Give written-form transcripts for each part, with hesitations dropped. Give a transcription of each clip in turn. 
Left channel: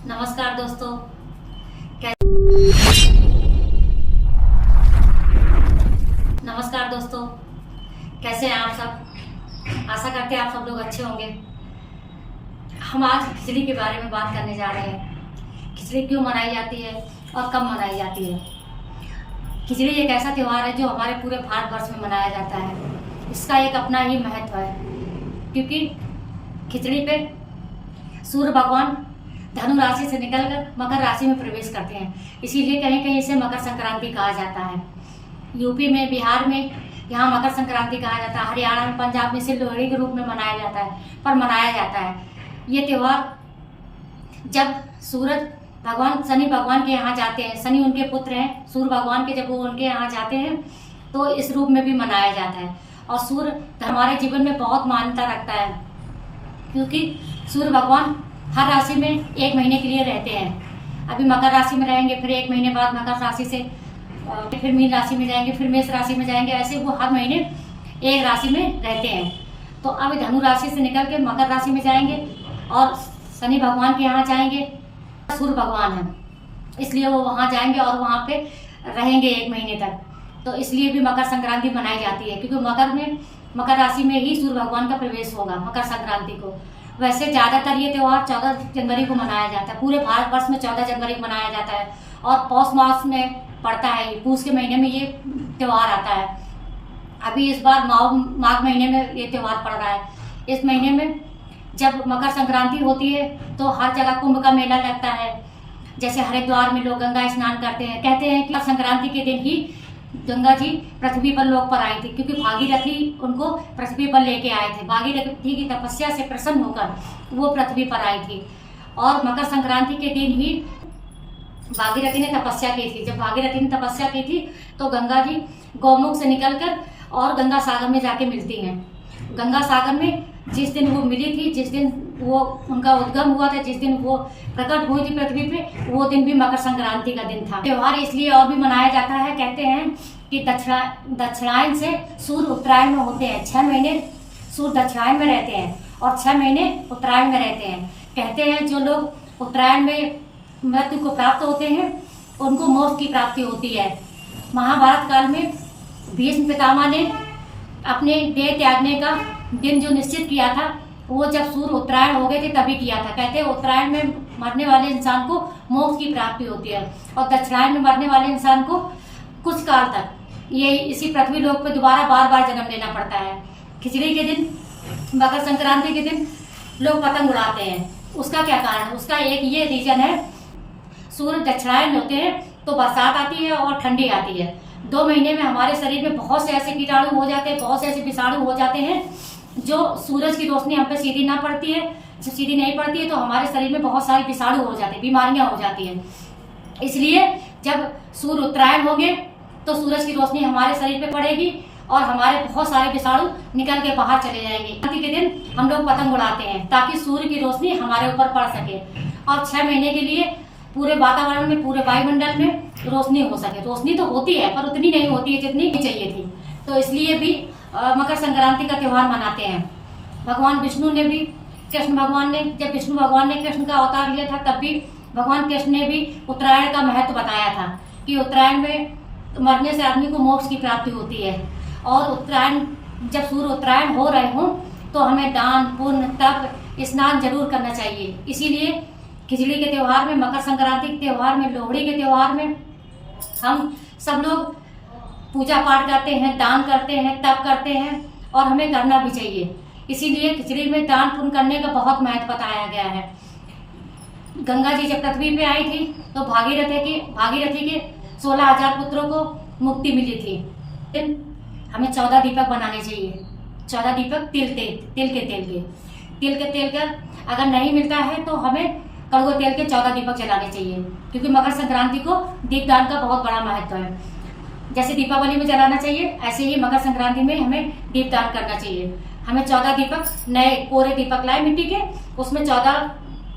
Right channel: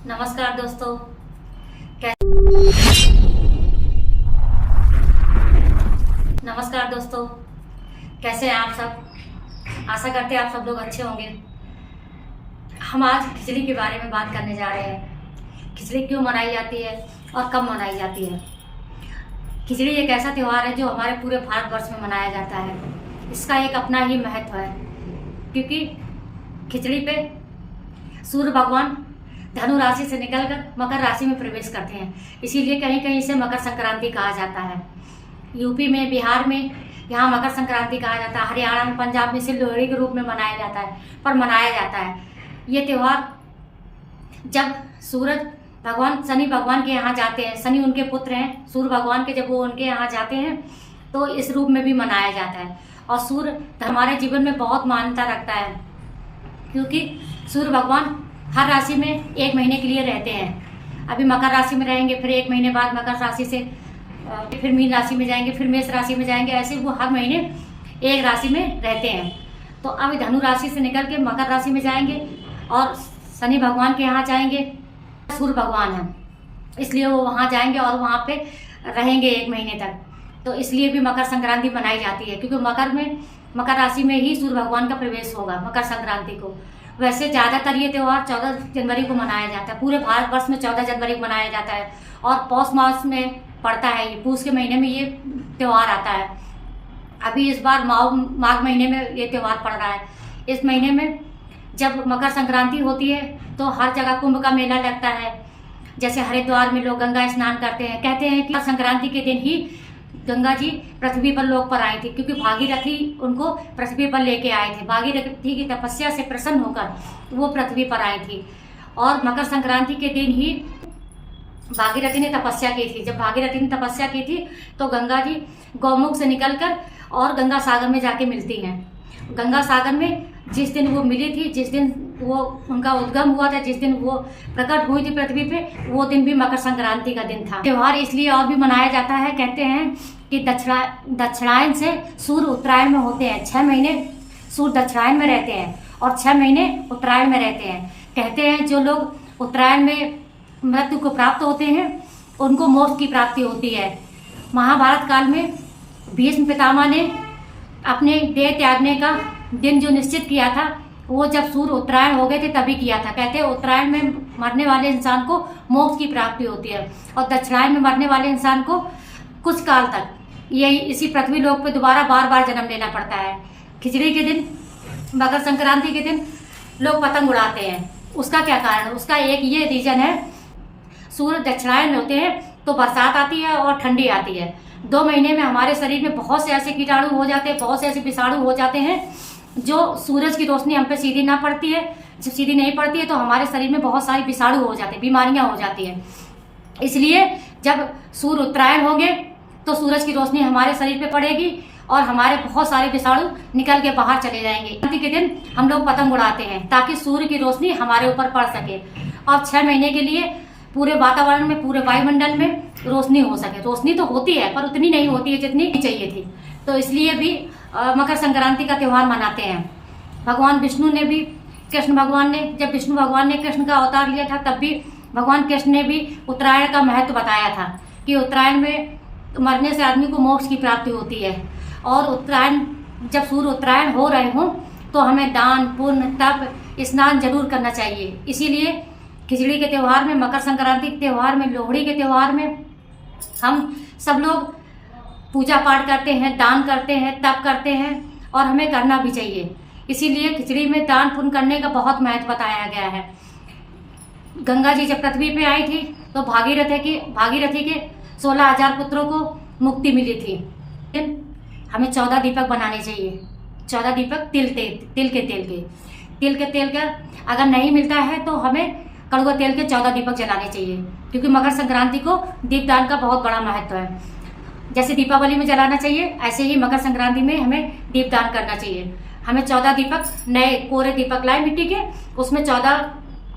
नमस्कार दोस्तों, कैसे हैं आप सब। आशा करते हैं आप सब लोग अच्छे होंगे। हम आज खिचड़ी के बारे में बात करने जा रहे हैं। खिचड़ी क्यों मनाई जाती है और कब मनाई जाती है। खिचड़ी एक ऐसा त्यौहार है जो हमारे पूरे भारतवर्ष में मनाया जाता है। इसका एक अपना ही महत्व है, क्योंकि खिचड़ी पे सूर्य भगवान धनु राशि से निकलकर मकर राशि में प्रवेश करते हैं। इसीलिए कहीं कहीं इसे मकर संक्रांति कहा जाता है। यूपी में, बिहार में यहाँ मकर संक्रांति कहा जाता है। हरियाणा में, पंजाब में इसे लोहड़ी के रूप में मनाया जाता है, पर मनाया जाता है ये त्यौहार जब सूरज भगवान शनि भगवान के यहाँ जाते हैं। शनि उनके पुत्र हैं सूर्य भगवान के, जब वो उनके यहाँ जाते हैं तो इस रूप में भी मनाया जाता है। और सूर्य हमारे जीवन में बहुत मान्यता रखता है, क्योंकि सूर्य भगवान हर राशि में एक महीने के लिए रहते हैं। अभी मकर राशि में रहेंगे, फिर एक महीने बाद मकर राशि से फिर मीन राशि में जाएंगे, फिर मेष राशि में जाएंगे। ऐसे वो हर महीने एक राशि में रहते हैं। तो अब धनु राशि से निकल के मकर राशि में जाएंगे और शनि भगवान के यहाँ जाएंगे। सूर्य भगवान है, इसलिए वो वहाँ जाएंगे और वहाँ पे रहेंगे एक महीने तक। तो इसलिए भी मकर संक्रांति मनाई जाती है, क्योंकि मकर राशि में ही सूर्य भगवान का प्रवेश होगा मकर संक्रांति को। वैसे ज़्यादातर ये त्यौहार 14 जनवरी को मनाया जाता है। पूरे भारतवर्ष में 14 जनवरी को मनाया जाता है और पौष मास में पड़ता है। ये पूष के महीने में ये त्यौहार आता है। अभी इस बार माघ महीने में ये त्यौहार पड़ रहा है। इस महीने में जब मकर संक्रांति होती है तो हर जगह कुंभ का मेला लगता है। जैसे हरिद्वार में लोग गंगा स्नान करते हैं। कहते हैं कि संक्रांति के दिन ही गंगा जी पृथ्वी पर लोक पर आई थी, क्योंकि भागीरथी उनको पृथ्वी पर लेके आए थे। भागीरथी की तपस्या से प्रसन्न होकर वो पृथ्वी पर आई थी। और मकर संक्रांति के दिन ही भागीरथी ने तपस्या की थी। जब भागीरथी ने तपस्या की थी तो गंगा जी गौमुख से निकलकर और गंगा सागर में जाके मिलती हैं। गंगा सागर में जिस दिन वो मिली थी, जिस दिन वो उनका उद्गम हुआ था, जिस दिन वो प्रकट हुई थी पृथ्वी पे, वो दिन भी मकर संक्रांति का दिन था। त्योहार इसलिए और भी मनाया जाता है। कहते हैं कि दक्षिणायन से सूर्य उत्तरायण में होते हैं। 6 महीने सूर्य दक्षिणायन में रहते हैं और 6 महीने उत्तरायण में रहते हैं। कहते हैं जो लोग उत्तरायण में मृत्यु को प्राप्त होते हैं उनको मोक्ष की प्राप्ति होती है। महाभारत काल में भीष्म पितामह ने अपने देह त्यागने का दिन जो निश्चित किया था, वो जब सूर्य उत्तरायण हो गए थे तभी किया था। कहते हैं उत्तरायण में मरने वाले इंसान को मोक्ष की प्राप्ति होती है और दक्षिणायन में मरने वाले इंसान को कुछ काल तक यही इसी पृथ्वी लोक पे दोबारा बार बार जन्म लेना पड़ता है। खिचड़ी के दिन, मकर संक्रांति के दिन लोग पतंग उड़ाते हैं। उसका क्या कारण? उसका एक ये रीजन है, सूर्य दक्षिणायन होते हैं तो बरसात आती है और ठंडी आती है। 2 महीने में हमारे शरीर में बहुत से ऐसे कीटाणु हो जाते हैं, बहुत से ऐसे विषाणु हो जाते हैं जो सूरज की रोशनी हम पे सीधी ना पड़ती है। जब सीधी नहीं पड़ती है तो हमारे शरीर में बहुत सारी विषाणु हो जाते हैं, बीमारियां हो जाती हैं। इसलिए जब सूर्य उत्तरायण होंगे तो सूरज की रोशनी हमारे शरीर पे पड़ेगी और हमारे बहुत सारे विषाणु निकल के बाहर चले जाएंगे। संक्रांति के दिन हम लोग पतंग उड़ाते हैं ताकि सूर्य की रोशनी हमारे ऊपर पड़ सके और 6 महीने के लिए पूरे वातावरण में, पूरे वायुमंडल में रोशनी हो सके। रोशनी तो होती है पर उतनी नहीं होती है जितनी चाहिए थी। तो इसलिए भी मकर संक्रांति का त्यौहार मनाते हैं। भगवान विष्णु ने भी, कृष्ण भगवान ने, जब विष्णु भगवान ने कृष्ण का अवतार लिया था तब भी भगवान कृष्ण ने भी उत्तरायण का महत्व बताया था कि उत्तरायण में मरने से आदमी को मोक्ष की प्राप्ति होती है। और उत्तरायण, जब सूर्य उत्तरायण हो रहे हों तो हमें दान, पुण्य, तप, स्नान जरूर करना चाहिए। इसीलिए खिचड़ी के त्यौहार में, मकर संक्रांति के त्यौहार में, लोहड़ी के त्यौहार में हम सब लोग पूजा पाठ करते हैं, दान करते हैं, तप करते हैं और हमें करना भी चाहिए। इसीलिए खिचड़ी में दान पुण्य करने का बहुत महत्व बताया गया है। गंगा जी जब पृथ्वी पे आई थी तो भागीरथी के 16,000 पुत्रों को मुक्ति मिली थी। हमें 14 दीपक बनाने चाहिए। 14 दीपक तिल के तेल का अगर नहीं मिलता है तो हमें कड़ुआ तेल के 14 दीपक जलाने चाहिए, क्योंकि मकर संक्रांति को दीपदान का बहुत बड़ा महत्व है। जैसे दीपावली में जलाना चाहिए, ऐसे ही मकर संक्रांति में हमें दीपदान करना चाहिए। हमें 14 दीपक, नए कोरे दीपक लाए मिट्टी के, उसमें 14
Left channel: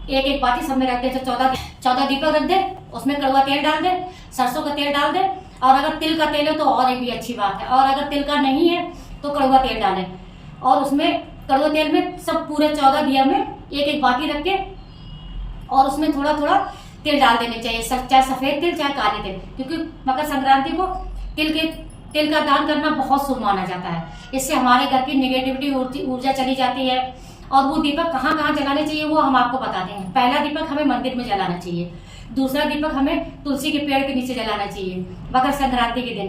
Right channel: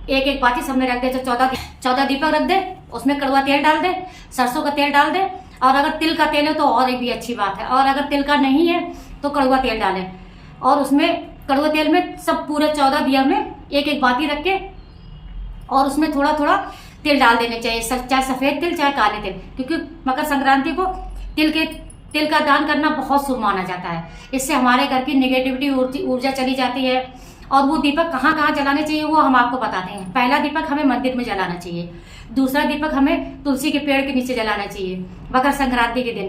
एक बाती सबने रख दे। तो 14 दीपक रख दे, उसमें कड़ुआ तेल डाल दे, सरसों का तेल डाल दे, और अगर तिल का तेल है तो और भी अच्छी बात है। और अगर तिल का नहीं है तो कड़ुआ तेल डालें और उसमें कड़ुआ तेल में सब पूरे 14 दिया में एक बाती रख के और उसमें थोड़ा थोड़ा तिल डाल देने चाहिए, चाहे सफ़ेद तिल चाहे काले तिल, क्योंकि मकर संक्रांति को तिल का दान करना बहुत शुभ माना जाता है। इससे हमारे घर की नेगेटिविटी ऊर्जा चली जाती है। और वो दीपक कहाँ कहाँ जलाने चाहिए वो हम आपको बताते हैं। पहला दीपक हमें मंदिर में जलाना चाहिए, दूसरा दीपक हमें तुलसी के पेड़ के नीचे जलाना चाहिए मकर संक्रांति के दिन,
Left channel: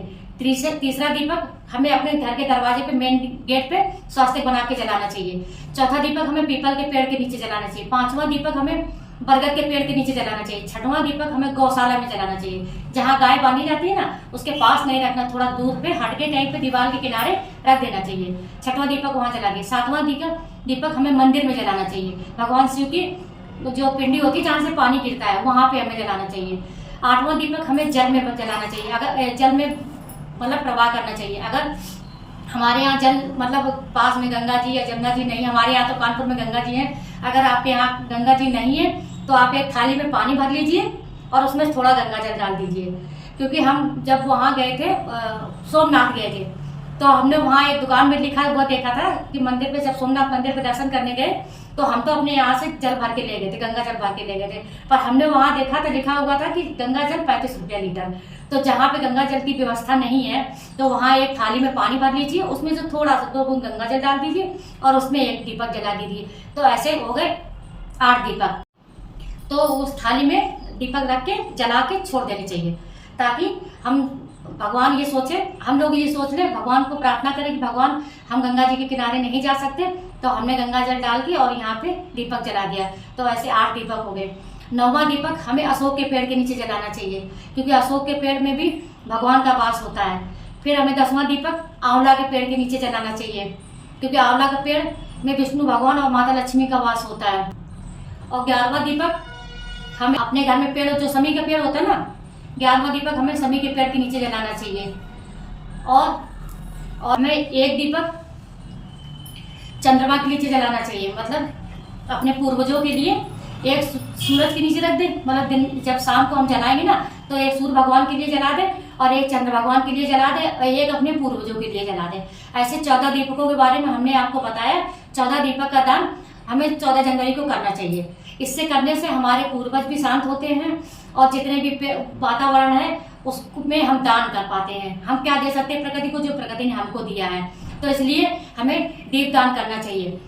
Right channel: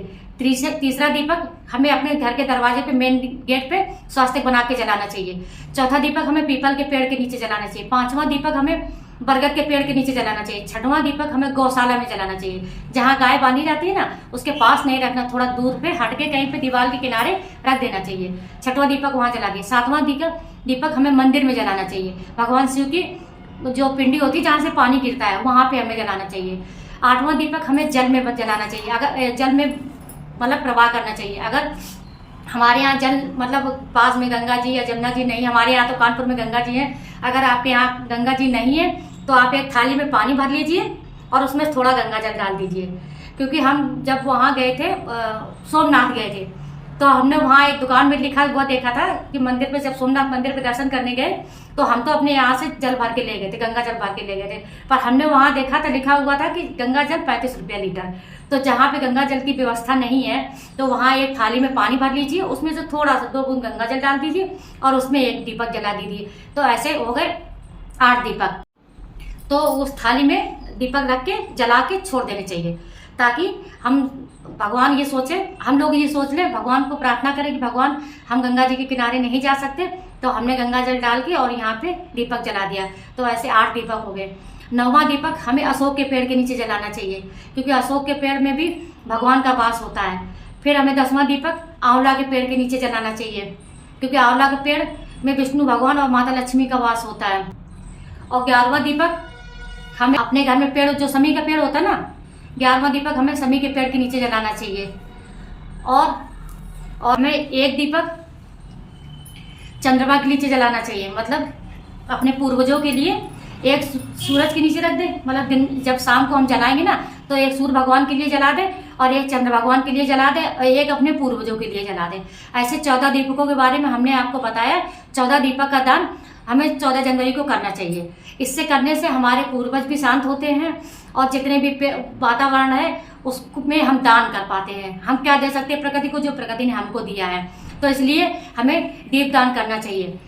तीसरा दीपक हमें अपने घर के दरवाजे पे मेन गेट पे स्वास्तिक बना के जलाना चाहिए, चौथा दीपक हमें पीपल के पेड़ के नीचे जलाना चाहिए, पांचवा दीपक हमें बरगद के पेड़ के नीचे जलाना चाहिए, छठवां दीपक हमें गौशाला में जलाना चाहिए। जहाँ गाय बांधी जाती है ना उसके पास नहीं रखना, थोड़ा दूर पे हट के कहीं पे दीवार के किनारे रख देना चाहिए। छठवां दीपक वहां जला के, सातवां दीपक हमें मंदिर में जलाना चाहिए, भगवान शिव की जो पिंडी होती है जहाँ से पानी गिरता है वहां पे हमें जलाना चाहिए। आठवां दीपक हमें जल में जलाना चाहिए, अगर जल में मतलब प्रवाह करना चाहिए। अगर हमारे यहाँ जल मतलब पास में गंगा जी या जमुना जी नहीं, हमारे यहाँ तो कानपुर में गंगा जी है, अगर आपके यहाँ गंगा जी नहीं है तो आप एक थाली में पानी भर लीजिए और उसमें थोड़ा गंगा जल डाल दीजिए। क्योंकि हम जब वहाँ गए थे सोमनाथ गए थे तो हमने वहाँ एक दुकान में लिखा हुआ देखा था कि मंदिर पे जब सोमनाथ मंदिर पे दर्शन करने गए तो हम तो अपने यहाँ से जल भर के ले गए थे, गंगा जल भर के ले गए थे, पर हमने वहाँ देखा था लिखा हुआ था कि गंगा जल 35 रुपया लीटर। तो जहाँ पे गंगा जल की व्यवस्था नहीं है तो वहाँ एक थाली में पानी भर लीजिए, उसमें से थोड़ा सा 2 बूंद गंगा जल डाल दीजिए और उसमें एक दीपक जला दीजिए। तो ऐसे हो गए 8 दीपक। तो उस थाली में दीपक रख के जला के छोड़ देने चाहिए, ताकि हम भगवान ये सोचे, हम लोग ये सोच ले, भगवान को प्रार्थना करें कि भगवान हम गंगा जी के किनारे नहीं जा सकते तो हमने गंगा जल डाल के और यहाँ पे दीपक जला दिया। तो ऐसे 8 दीपक हो गए। 9वां दीपक हमें अशोक के पेड़ के नीचे जलाना चाहिए, क्योंकि अशोक के पेड़ में भी भगवान का वास होता है। फिर हमें 10वां दीपक आंवला के पेड़ के नीचे जलाना चाहिए, क्योंकि आंवला के पेड़ में विष्णु भगवान और माता लक्ष्मी का वास होता है। और 11वां दीपक हमें अपने घर में पेड़ जो समी का पेड़ होता है ना, 11वां दीपक हमें समी के पेड़ के नीचे जलाना चाहिए। और हमें एक दीपक चंद्रमा के नीचे जलाना चाहिए, मतलब अपने पूर्वजों के लिए एक सूरज के नीचे रख दे, मतलब दिन जब शाम को हम जलाएंगे ना तो एक सूर्य भगवान के लिए जला दे और एक चंद्र भगवान के लिए जला दे और एक अपने पूर्वजों के लिए जला दे। ऐसे 14 दीपकों के बारे में हमने आपको बताया। 14 दीपक का दान हमें 14 जनवरी को करना चाहिए। इससे करने से हमारे पूर्वज भी शांत होते हैं और जितने भी वातावरण है उसमें हम दान कर पाते हैं। हम क्या दे सकते हैं प्रकृति को, जो प्रकृति ने हमको दिया है। तो इसलिए हमें दीप दान करना चाहिए।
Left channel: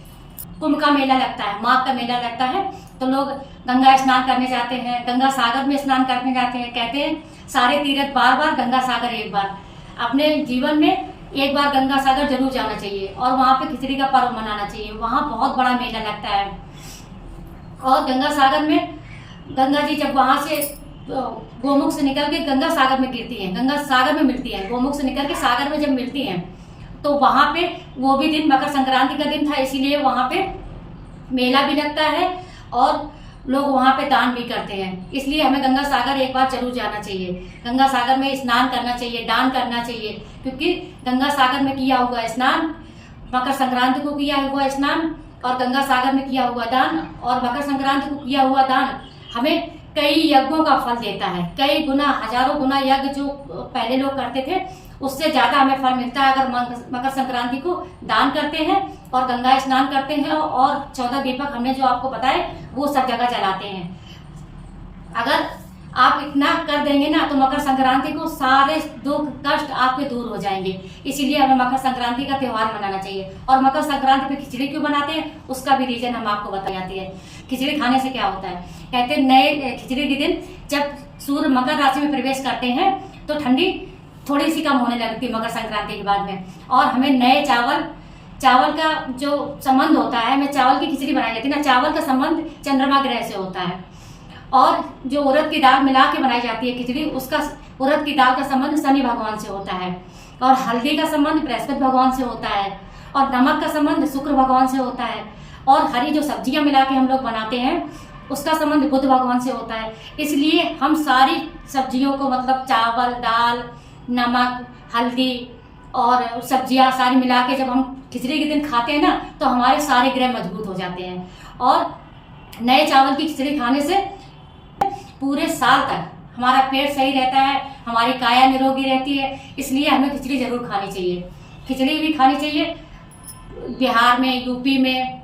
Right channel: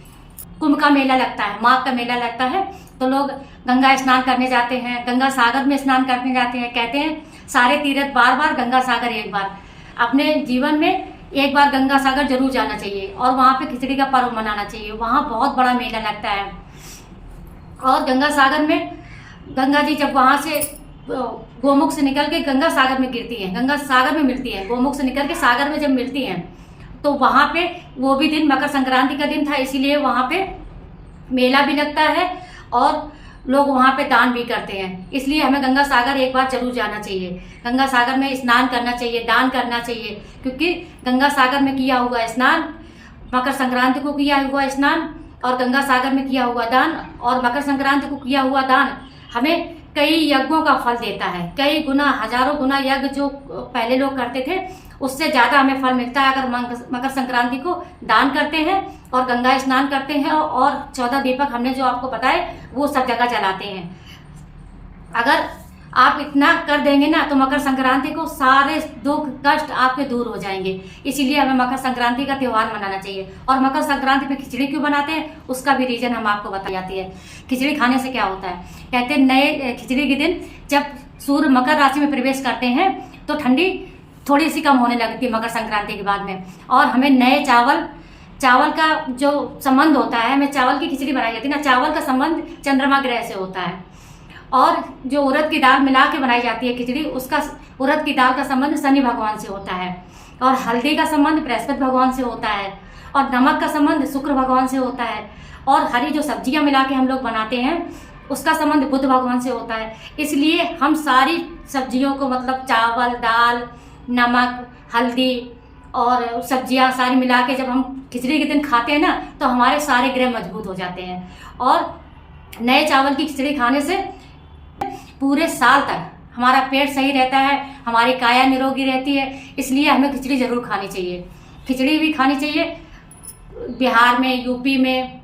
कुंभ का मेला लगता है, माघ का मेला लगता है, तो लोग गंगा स्नान करने जाते हैं, गंगा सागर में स्नान करने जाते हैं। कहते हैं सारे तीर्थ बार बार, गंगा सागर एक बार। अपने जीवन में एक बार गंगा सागर जरूर जाना चाहिए और वहाँ पे खिचड़ी का पर्व मनाना चाहिए। वहाँ बहुत बड़ा मेला लगता है। और गंगा सागर में गंगा जी जब वहाँ से गोमुख से निकल के गंगा सागर में गिरती हैं, गंगा सागर में मिलती हैं, गोमुख से निकल के सागर में जब मिलती हैं तो वहाँ पे वो भी दिन मकर संक्रांति का दिन था, इसीलिए वहाँ पे मेला भी लगता है और लोग वहाँ पे दान भी करते हैं। इसलिए हमें गंगा सागर एक बार जरूर जाना चाहिए, गंगा सागर में स्नान करना चाहिए, दान करना चाहिए, क्योंकि गंगा सागर में किया हुआ स्नान, मकर संक्रांति को किया हुआ स्नान और गंगा सागर में किया हुआ दान और मकर संक्रांति को किया हुआ दान हमें कई यज्ञों का फल देता है। कई गुना, हजारों गुना यज्ञ जो पहले लोग करते थे उससे ज्यादा हमें फल मिलता है अगर मकर संक्रांति को दान करते हैं और गंगा स्नान करते हैं और 14 दीपक हमने जो आपको बताए वो सब जगह जलाते हैं। अगर आप इतना कर देंगे ना तो मकर संक्रांति को सारे दुख कष्ट आपके दूर हो जाएंगे। इसीलिए हमें मकर संक्रांति का त्योहार मनाना चाहिए। और मकर संक्रांति पे खिचड़ी क्यों बनाते हैं उसका भी रीजन हम आपको बता जाती है। खिचड़ी खाने से क्या होता है, कहते हैं नए खिचड़ी के दिन जब सूर्य मकर राशि में प्रवेश करते हैं तो ठंडी थोड़ी सी कम होने लगती है मकर संक्रांति के बाद में। और हमें नए चावल का जो संबंध होता है, हमें चावल की खिचड़ी बनाई जाती है ना, चावल का संबंध चंद्रमा ग्रह से होता है। और जो उड़द की दाल मिला के बनाई जाती है खिचड़ी, उसका उड़द की दाल का संबंध शनि भगवान से होता है। और हल्दी का संबंध बृहस्पति भगवान से होता है। और नमक का संबंध शुक्र भगवान से होता है। और हरी जो सब्जियां मिला के हम लोग बनाते हैं उसका संबंध बुध भगवान से होता है। इसलिए हम सारी सब्जियों को, मतलब चावल, दाल, नमक, हल्दी और सब्जियां सारी मिला के जब हम खिचड़ी के दिन खाते हैं ना तो हमारे सारे ग्रह मजबूत हो जाते हैं। और नए चावल की खिचड़ी खाने से पूरे साल तक हमारा पेट सही रहता है, हमारी काया निरोगी रहती है। इसलिए हमें खिचड़ी जरूर खानी चाहिए। खिचड़ी भी खानी चाहिए। बिहार में, यूपी में,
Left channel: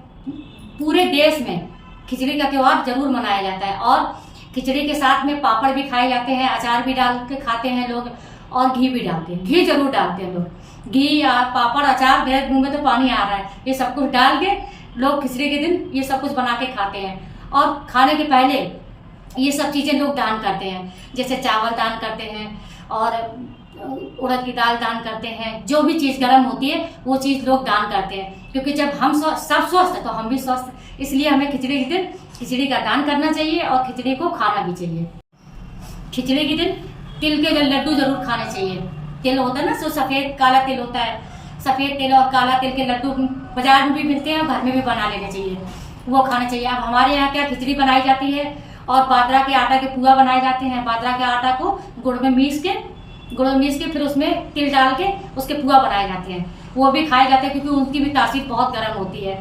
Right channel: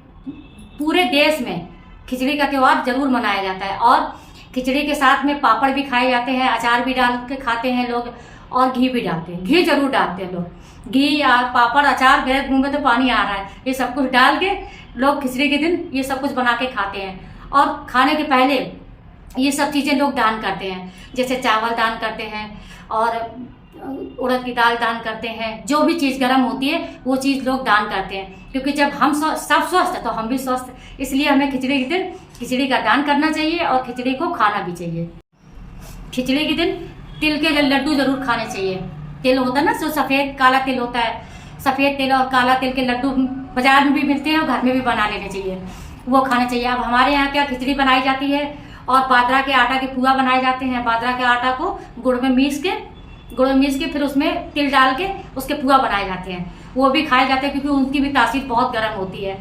पूरे देश में खिचड़ी का त्यौहार जरूर मनाया जाता है। और खिचड़ी के साथ में पापड़ भी खाए जाते हैं, अचार भी डाल के खाते हैं लोग, और घी भी डालते हैं, घी जरूर डालते हैं लोग। घी या पापड़ अचार, मेरे मुंह में तो पानी आ रहा है, ये सब कुछ डाल के लोग खिचड़ी के दिन ये सब कुछ बना के खाते हैं। और खाने के पहले ये सब चीज़ें लोग दान करते हैं, जैसे चावल दान करते हैं और उड़द की दाल दान करते हैं। जो भी चीज़ गर्म होती है वो चीज़ लोग दान करते हैं, क्योंकि जब हम सब स्वस्थ है तो हम भी स्वस्थ। इसलिए हमें खिचड़ी के दिन खिचड़ी का दान करना चाहिए और खिचड़ी को खाना भी चाहिए। खिचड़ी के दिन तिल के लड्डू जरूर खाने चाहिए। तिल होता है ना, जो सफ़ेद काला तिल होता है, सफ़ेद तिल और काला तिल के लड्डू बाजार में भी मिलते हैं और घर में भी बना लेने चाहिए, वो खाना चाहिए। अब हमारे यहाँ क्या खिचड़ी बनाई जाती है और बाजरा के आटा के पुआ बनाए जाते हैं। बाजरा के आटा को गुड़ में मीस के फिर उसमें तिल डाल के उसके पुआ बनाए जाते हैं, वो भी खाए जाते हैं, क्योंकि उनकी भी तासीर बहुत गर्म होती है।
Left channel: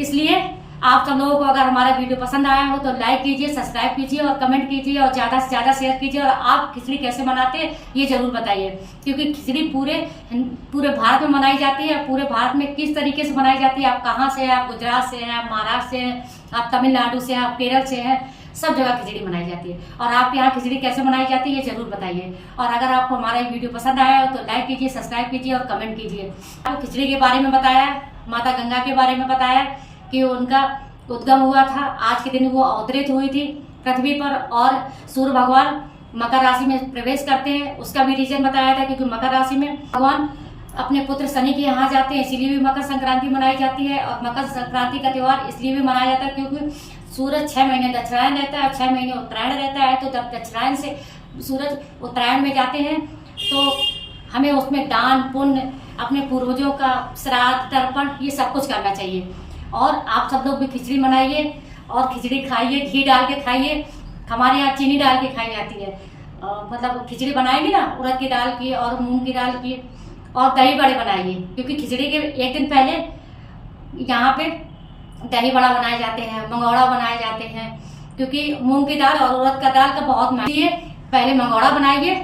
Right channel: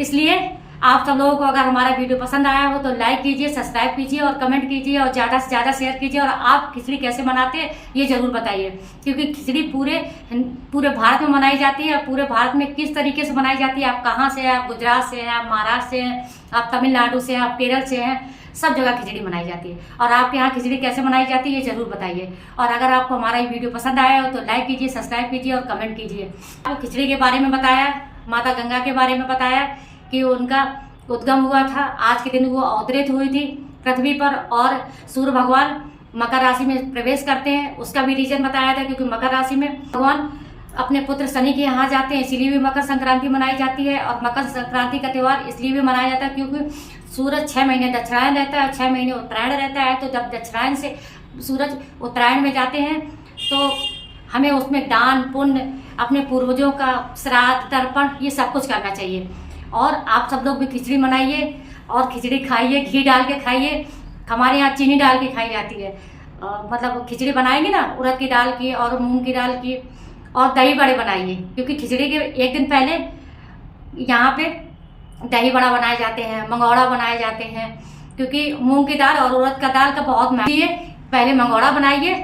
इसलिए आप सब लोगों को अगर हमारा वीडियो पसंद आया हो तो लाइक कीजिए, सब्सक्राइब कीजिए और कमेंट कीजिए और ज़्यादा से ज़्यादा शेयर कीजिए। और आप खिचड़ी कैसे बनाते हैं ये जरूर बताइए, क्योंकि खिचड़ी पूरे भारत में मनाई जाती है। पूरे भारत में किस तरीके से बनाई जाती है, आप कहाँ से हैं, आप गुजरात से हैं, आप महाराष्ट्र से हैं, आप तमिलनाडु से हैं, आप केरल से हैं, सब जगह खिचड़ी बनाई जाती है। और आपके यहाँ खिचड़ी कैसे बनाई जाती है ये जरूर बताइए। और अगर आपको हमारा ये वीडियो पसंद आया हो तो लाइक कीजिए, सब्सक्राइब कीजिए और कमेंट कीजिए। आपको खिचड़ी के बारे में बताया, माता गंगा के बारे में बताया कि उनका उद्गम हुआ था, आज के दिन वो अवतरित हुई थी पृथ्वी पर। और सूर्य भगवान मकर राशि में प्रवेश करते हैं, उसका भी रीजन बताया था, क्योंकि मकर राशि में भगवान अपने पुत्र शनि के यहाँ जाते हैं, इसीलिए भी मकर संक्रांति मनाई जाती है। और मकर संक्रांति का त्यौहार इसलिए भी मनाया जाता है क्योंकि सूरज 6 महीने दक्षिणायन रहता है और 6 महीने उत्तरायण रहता है। तो जब दक्षिणायन से सूरज उत्तरायण में जाते हैं तो हमें उसमें दान पुण्य, अपने पूर्वजों का श्राद्ध तर्पण, ये सब कुछ करना चाहिए। और आप सब लोग भी खिचड़ी बनाइए और खिचड़ी खाइए, घी डाल के खाइए। हमारे यहाँ चीनी डाल के खाई जाती है, मतलब खिचड़ी बनाएंगे ना उड़द की दाल की और मूंग की दाल की। और दही बड़े बनाइए, क्योंकि खिचड़ी के एक दिन पहले यहाँ पे दही बड़ा बनाए जाते हैं, मंगौड़ा बनाए जाते हैं, क्योंकि मूंग की दाल और उड़द का दाल का बहुत महत्व है। पहले मंगौड़ा बनाइए,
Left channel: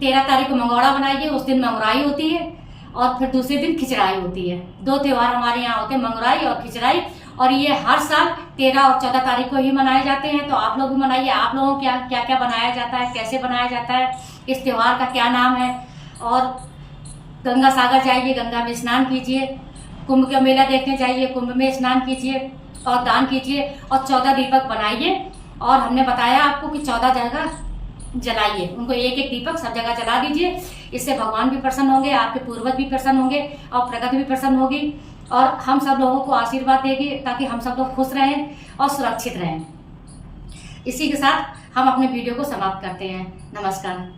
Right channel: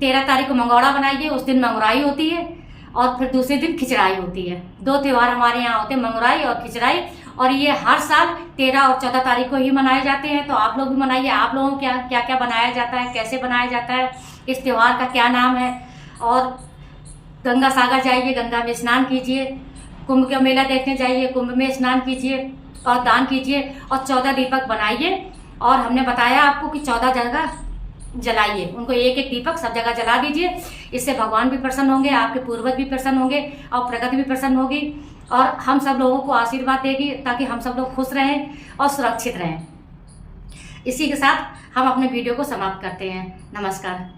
13 तारीख को मंगौड़ा बनाइए, उस दिन मंगराई होती है और फिर दूसरे दिन खिचड़ाई होती है। 2 त्यौहार हमारे यहाँ होते हैं, मंगराई और खिचड़ाई। और ये हर साल 13 और 14 तारीख को ही मनाए जाते हैं। तो आप लोग भी मनाइए। आप लोगों को क्या क्या बनाया जाता है, कैसे बनाया जाता है, इस त्यौहार का क्या नाम है। और गंगा सागर जाइए, गंगा में स्नान कीजिए, कुंभ का मेला देखने जाइए, कुंभ में स्नान कीजिए और दान कीजिए। और 14 दीपक बनाइए। और हमने बताया आपको कि 14 जगह जलाइए, उनको एक एक दीपक सब जगह जला दीजिए। इससे भगवान भी प्रसन्न होंगे, आपके पूर्वज भी प्रसन्न होंगे और प्रकृति भी प्रसन्न होगी और हम सब लोगों को आशीर्वाद देगी, ताकि हम सब लोग खुश रहें और सुरक्षित रहें। इसी के साथ हम अपने वीडियो को समाप्त करते हैं। नमस्कार।